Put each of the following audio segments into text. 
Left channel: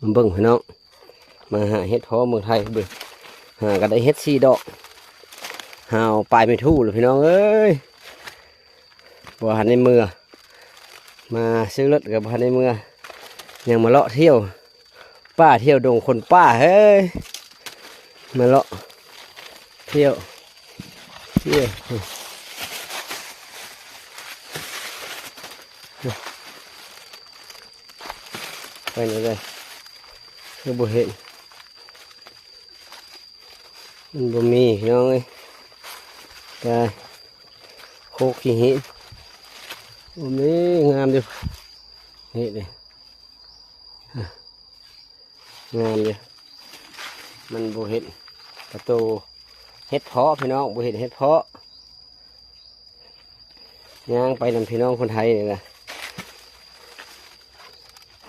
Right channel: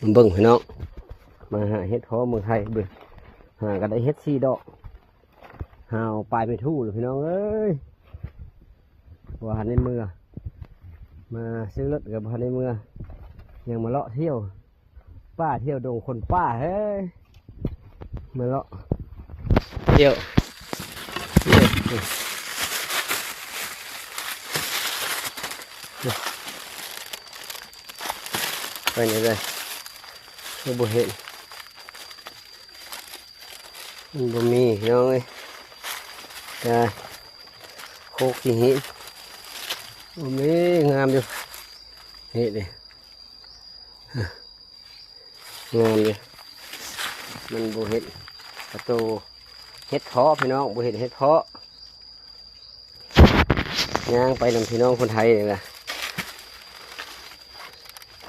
มันเบิ่งพี่น้องมาหาเฮ็ดเพาะเมืองไทยเบิ่งหาก็ได้เฮ็ด4 ดอกหาเอาปลายไม่ทู่เลยพี่น้องเอ้ยบ่หันในมือมาซื้อรถกับบ่หันในมือยังมาเลาะเที่ยวป้าเที่ยวดงคนป้าเฮ้ยมาเลาะเที่ยวไปไหนเลยไม่บ่เห็นมันบ่มีพี่น้องเอ้ยแต่โคกขี้หินบ่มีงามดิเห็ดดิงามดิมันบ่เห็ดประตูเห็ดเพาะพี่น้องบ่เห็ดเห็ดเพาะย่างไปนำพี่น้องคนไทยเลยนะ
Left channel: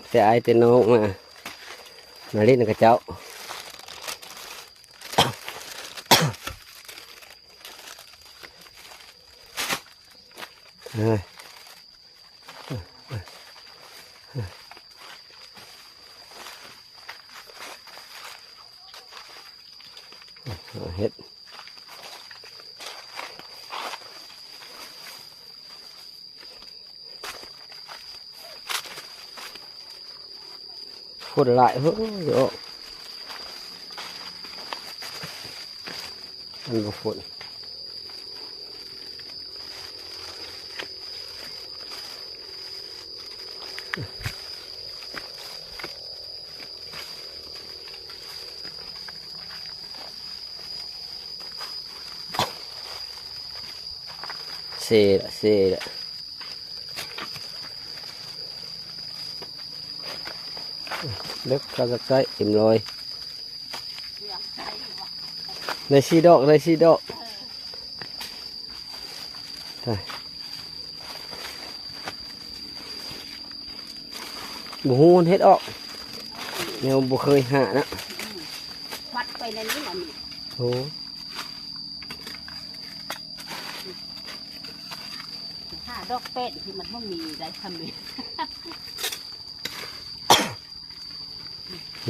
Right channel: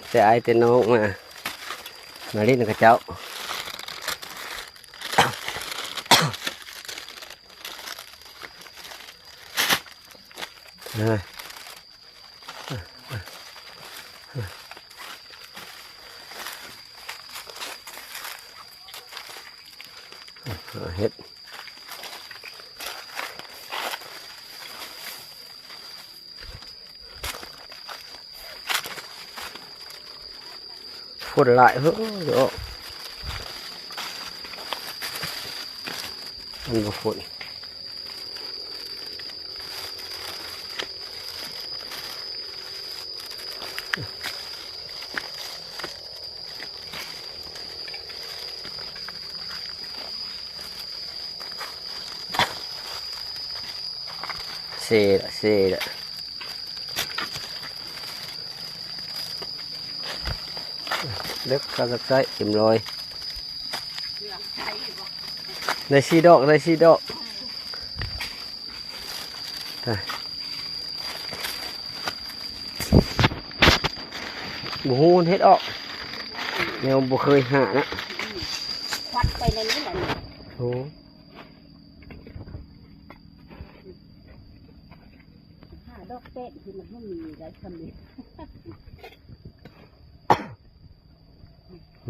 แต่ไอเต้นน้องมาเล่นกับเจ้าเห็ดฝนหลายเฮ้ยเดี๋ยวมันบ่ฝนเซ่ละเล็กกระสักใจเต็มร้อยได้4 ดอกได้4 ดอกบูฮูนเฮ็ดออกแนวบ่เคยหานะวัดไปในนี้แหละนี่โอ้5 ดอกเป็ดที่มันไม่มีอะไรทำเลย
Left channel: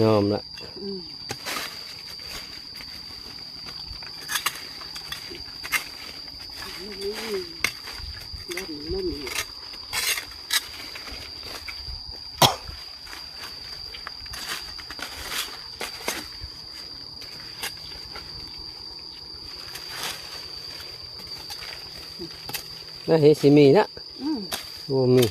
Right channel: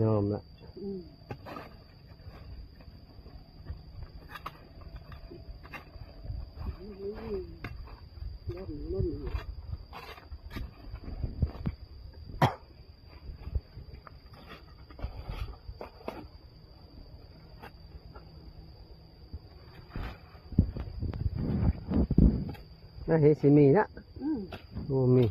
ยอมละไม่มีน่าเห็นสิมีนะโอ้มี